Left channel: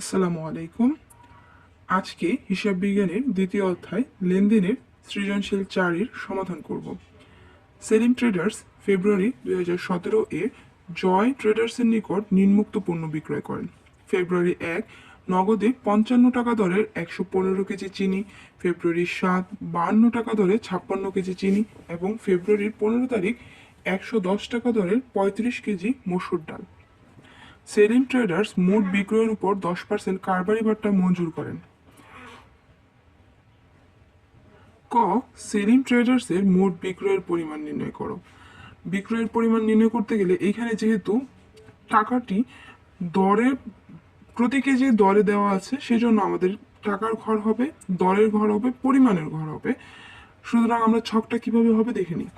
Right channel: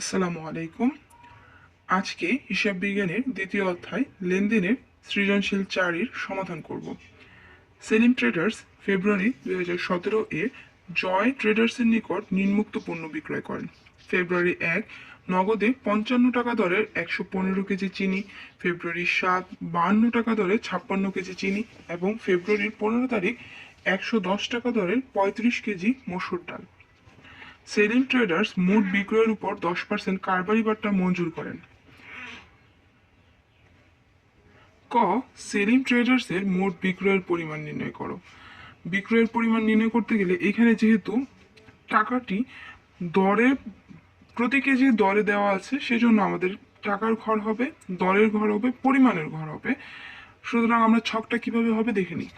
আসসালামু আলাইকুম। আজকে হিসাব বিজ্ঞানের দ্বিতীয় অধ্যায় লেনদেনের সৃজনশীল চারের সমাধান করব। সেলিম ট্রেডার্স ফেব্রুয়ারি দুই হাজার সতেরো এ জয় ট্রেডার্সের নিকট নিম্মুক্ত পণ্য বিক্রয় করেন। ফেব্রুয়ারি এক, নগদে পঞ্চান্ন টাকা দরের একশো পনেরো কেজি চিনি। ফেব্রুয়ারি সাত, বান্ন টাকা দরে ছাপ্পান্ন কেজি চিনি। এবং ফেব্রুয়ারির পনেরো তারিখ একশো দশ টাকা দরের পঁয়ত্রিশ কেজি মসুর ডাল। সেলিম ট্রেডার্স মোট বিক্রয়ের উপর দশ পার্সেন্ট কারবারি বাট্টা মঞ্জুর করেন। ক, সেলিম ট্রেডার্সের মোট বিক্রয়ের পরিমাণ নির্ণয় করো। বিক্রয়ের পরিমাণ নির্ণয় করতে গেলে এখানে যেহেতু টাকাটি দরে, প্রতি কেজি দরে দেওয়া আছে, সেজন্য আমাদের টাকার ঘর হবে, দরের ঘর হবে, পরিমাণের ঘর হবে। সুতরাং আমরা ছকটা কীভাবে হবে দেখে নিই।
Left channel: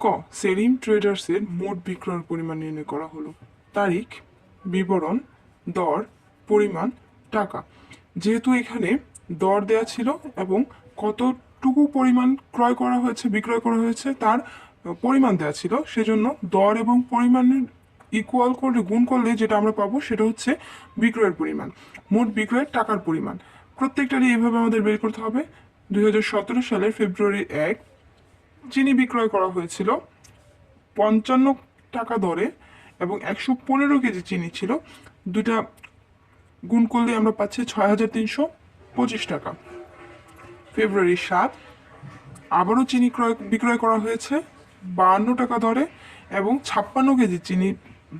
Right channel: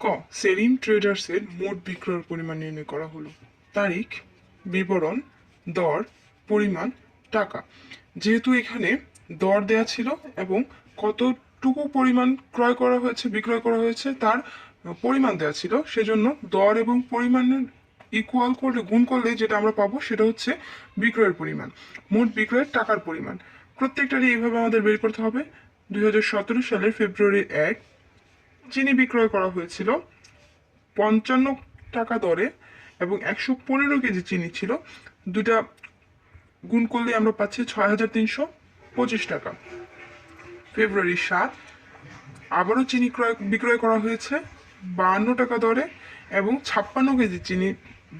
ক, সেলিম ট্রেডার্সের মোট বিক্রয়ের পরিমাণ নির্ণয় করা হলো। তারিখ, বিবরণ, দর, পরিমাণ, টাকা। যেহেতু এখানে দর দেয়া ছিল এবং কতটুকু পরিমাণ ক্রয় করা হয়েছে, বিক্রয় করা হয়েছে, তার পরিমাণ দেওয়া ছিল, সেজন্য দর এবং পরিমাণের ইকুয়াল করলে, গুণ করলে যেটা আমরা পাবো, সেটা হচ্ছে বিক্রয়ের পরিমাণ। মোট বিক্রয়ের টাকার পরিমাণ। প্রত্যেকটারই এইভাবে আমাদের বের করতে হবে। দুই হাজার সতেরো সালের ফেব্রুয়ারি এক চিনি বিক্রয় করা হয়েছিল। পঞ্চান্ন টাকা দরে এবং একশো পনেরো কেজি চিনি ছিল। দুটা গুণ করলে আমরা পাচ্ছি ছয় হাজার তিনশো পঁচিশ টাকা। ফেব্রুয়ারি সাত, আবারও চিনি ক্রয়, বিক্রয় করা হয়েছে বাহান্ন টাকা দরে এবং ছাপ্পান্ন কেজি চিনি,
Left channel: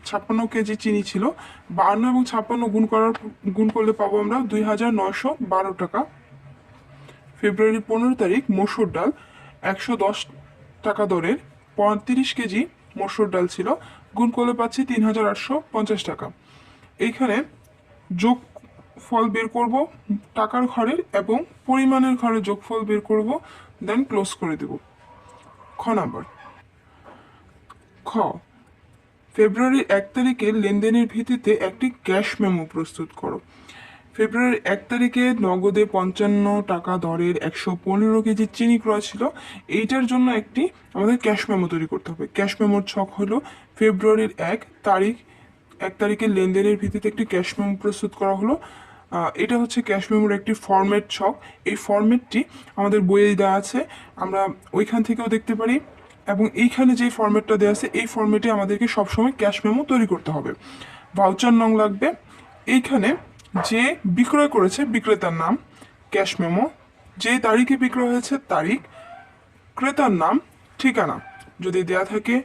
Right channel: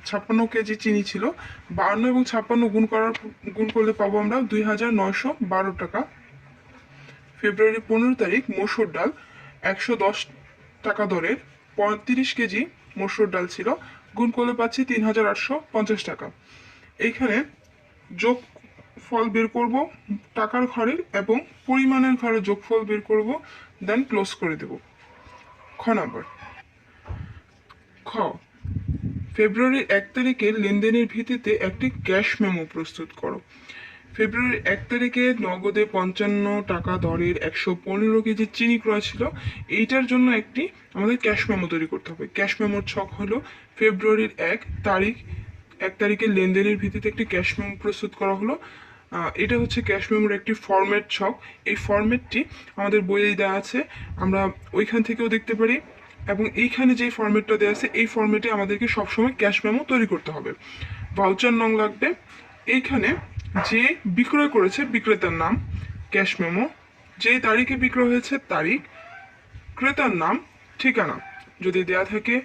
ছাপ্পান্ন কেজি চিনি ছিল। বাহান্ন এবং ছাপ্পান্ন গুণ করার, গুণ করলে পাবো আমরা দুই হাজার নয়শো বারো টাকা। ফেব্রুয়ারি পনেরো তারিখ, মসুর ডাল, একশো দশ টাকা দরের পঁয়ত্রিশ কেজি মসুর ডাল ছিল। গুণ করলে পাচ্ছি তিন হাজার আটশো পঞ্চাশ টাকা। এইখানে যোগ ফল বের করব, টাকার ঘরের এবং পরিমাণের ঘরের যোগফল বের করব দেন ক্লোজ করে দেব। খ নাম্বার। খ। ফেব্রুয়ারি এক তারিখে লেনদেনের ভিত্তিতে একটি ক্যাশ মেমো প্রস্তুত করো। ফেব্রুয়ারি এক তারিখে নগদে পঞ্চান্ন টাকা দরের একশো পনেরো কেজি চিনি ক্রয় ছিল। এইটার জন্য একটি আমাদের ক্যাশ মেমো তৈরি করতে হবে। ক্যাশ মেমোর ছক হলো ফেব্রুয়ারির এক তারিখ, এক তারিখের লেনদেনের ভিত্তিতে একটি ক্যাশ মেমো প্রস্তুত করা হলো। এটা হচ্ছে ক্যাশ মেমোর একটি ফরম্যাট ছক। এই ফরম্যাটটি আমাদের বইয়ে দেওয়া আছে। আমরা ওইখান থেকেও দেখতে পারি এবং এইখানে যে ফরম্যাটটা দেওয়া আছে, এই ফরম্যাটে আমাদেরকে সবসময় ক্যাশ মেমো তৈরি করতে হবে। ভাউচার নং লাগবে। এইখানে যে বিক্রয় করেছে বিক্রেতার নাম ক্যাশ মেমো। যে তারিখে বিক্রয় হয়েছে তারিখ, ক্রেতার নাম, ঠিকানা যদি দেয়া থাকে,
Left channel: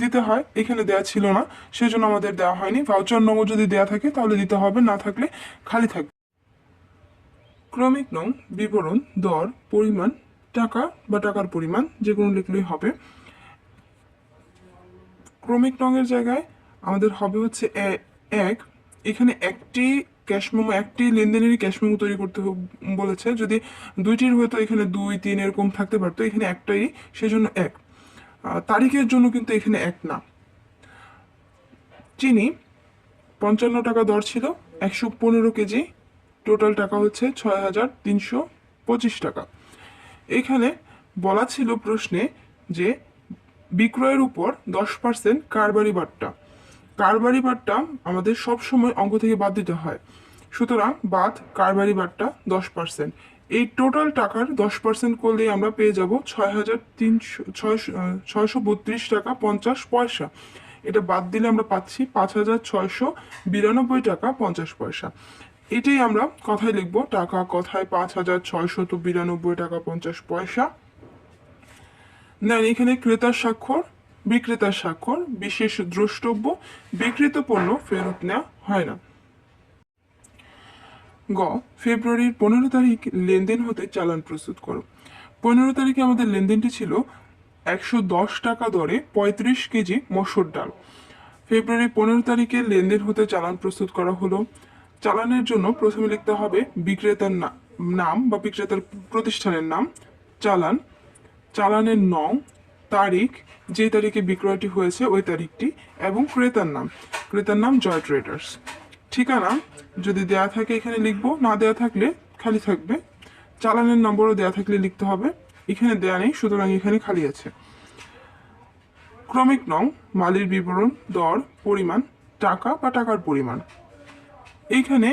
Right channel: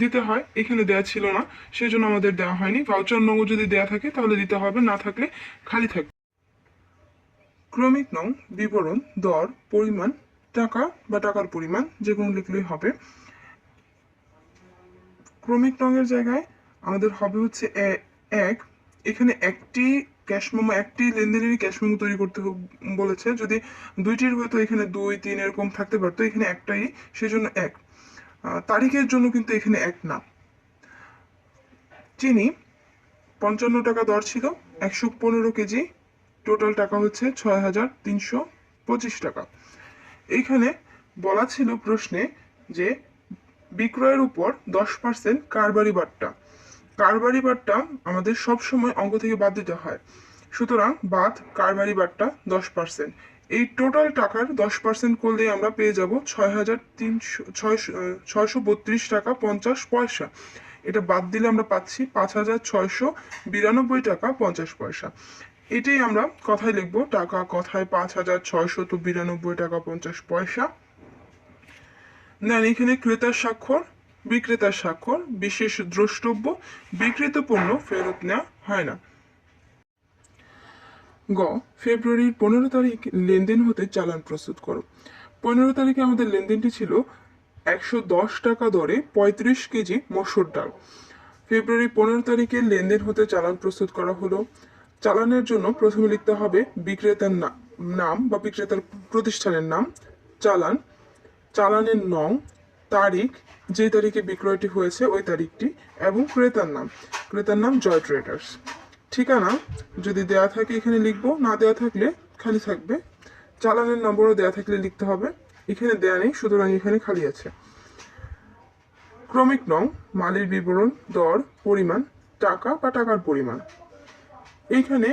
দিতে হয়। এখানে দেয়া ছিল না সেই জন্য আমাদের দেওয়া হয়নি। ভাউচার নম্বর যদি দেয়া থাকে, তাহলে দিতে হবে, না থাকলে খালি থাকবে। ক্রমিক নং, বিবরণ, দর, পরিমাণ, টাকা বা টাকার পরিমাণ, যে কোনো লিখলেই হবে। ক্রমিক রঙের জায়গায় আমাদের হবে হচ্ছে এক। এখানে একটি ক্যাশ মেমো একটি লেনদেনেরই ক্যাশ মেমো তৈরি করতে বলেছে। যদি দুইটির হয়তো এখানে দুই, তিন এরকম থাকতে পারতো, এখানে একটাই, সেজন্য এক। তারিখের জন্য কিন্তু এখানে এক না। চিনি, পঞ্চান্ন টাকা দর ছিল, একশো পনেরো কেজি। টোটাল টাকা হচ্ছে ছয় হাজার তিনশো পঁচিশ টাকা। এখানে বলা ছিল প্রশ্নে যে, বিক্রয়ের উপর দশ পার্সেন্ট কারবারি বাট্টা। কারবারি বাট্টা আমাদের সব সময় অঙ্ক থেকে বাদ দিতে হয়। সুতরাং বাদ, কারবারি বাট্টা দশ পার্সেন্ট এই টোটাল টাকার দশ পার্সেন্ট করলে আমরা পেয়ে যাব ছয় হাজার তিনশো, ছয়শো বত্রিশ টাকা পঞ্চাশ পয়সা। এটা বাদ দিলে আমরা পাচ্ছি পাঁচ হাজার ছয়শো বিরানব্বই টাকা পঞ্চাশ পয়সা। এটাই আমরা কথায় লিখব, টাকা কথায় পাঁচ হাজার ছয়শত বিরানব্বই টাকা পঞ্চাশ পয়সা। দেন এখানে ক্রেতার স্বাক্ষর। বিক্রেতার স্বাক্ষর, বিশেষ দ্রষ্টব্য, বিক্রিত পণ্য ফেরত নেওয়া হয় না। গ, ফেব্রুয়ারির পনেরো তারিখ লেনদেন হতে চালান প্রস্তুত করো। পনেরো তারিখে আমাদের লেনদেনটি ছিল একশো দশ টাকা দরে পঁয়ত্রিশ কেজি মসুর ডাল। ফেব্রুয়ারি পনেরো তারিখে লেনদেন হতে চালান প্রস্তুত করা হলো। চালানের জন্য প্রথমে লিখতে হবে বিক্রেতার নাম বা বিক্রেতার প্রতিষ্ঠানের নাম, চালান। চালানের নং তারিখ, যে তারিখে বিক্রয়টি হয়েছে, ওই তারিখটি, এবং ক্রেতার নাম। ক্রেতার নাম জয় ট্রেডার্স। ঠিকানা যদি দেয়া থাকে এখানে লিখব, না দেয়া থাকলে খালি থাকবে। চালানের নম্বরও দেয়া থাকলে লিখতে হবে। এখানে দেয়া নেই, সুতরাং এখানে খালি আছে। ক্রমিক নং, মালির বিবরণ, দর, পরিমাণ, টাকা বা টাকার পরিমাণ। এখানে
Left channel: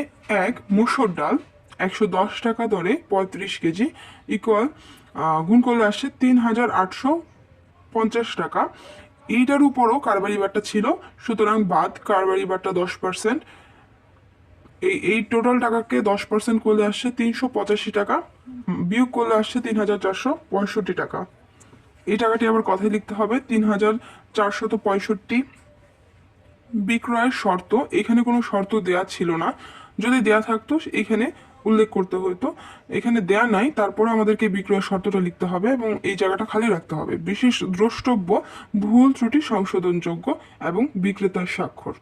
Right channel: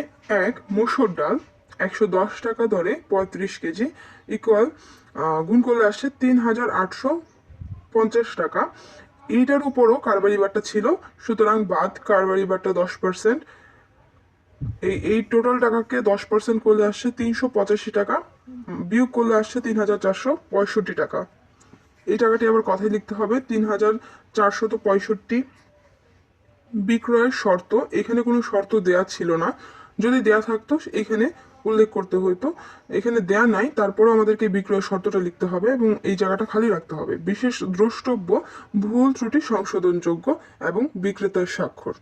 এক মুসুর ডাল, একশো দশ টাকা দরে পঁয়ত্রিশ কেজি ইকুয়াল গুণ করলে আসছে তিন হাজার আটশো পঞ্চাশ টাকা। এইটার উপরও কারবারি বারটা ছিল, সুতরাং বাদ কারবারি বারটা দশ পার্সেন্ট এই এই টোটাল টাকাকে দশ পার্সেন্ট করলে আসছে তিনশো পঁচাশি টাকা, বিয়োগ করলে আসছে তিন হাজার চারশো পঁয়ষট্টি টাকা। এই টাকাটি আবার কথায় লিখতে হবে, তিন হাজার চারশত পঁয়ষট্টি বিক্রয়ের শর্ত। এখানে কোনো শর্ত দেয়া ছিল না। যদি দেয়া থাকতো, এখানে উল্লেখ করতে হতো এখানে দেয়া নাই, তারপরও আমাদেরকে বিক্রয় শর্তটা লিখতে হবে এবং এই জায়গাটা খালি রাখতে হবে। বিশেষ দ্রষ্টব্য ভুল ত্রুটি সংশোধনযোগ্য এবং বিক্রেতার স্বাক্ষর।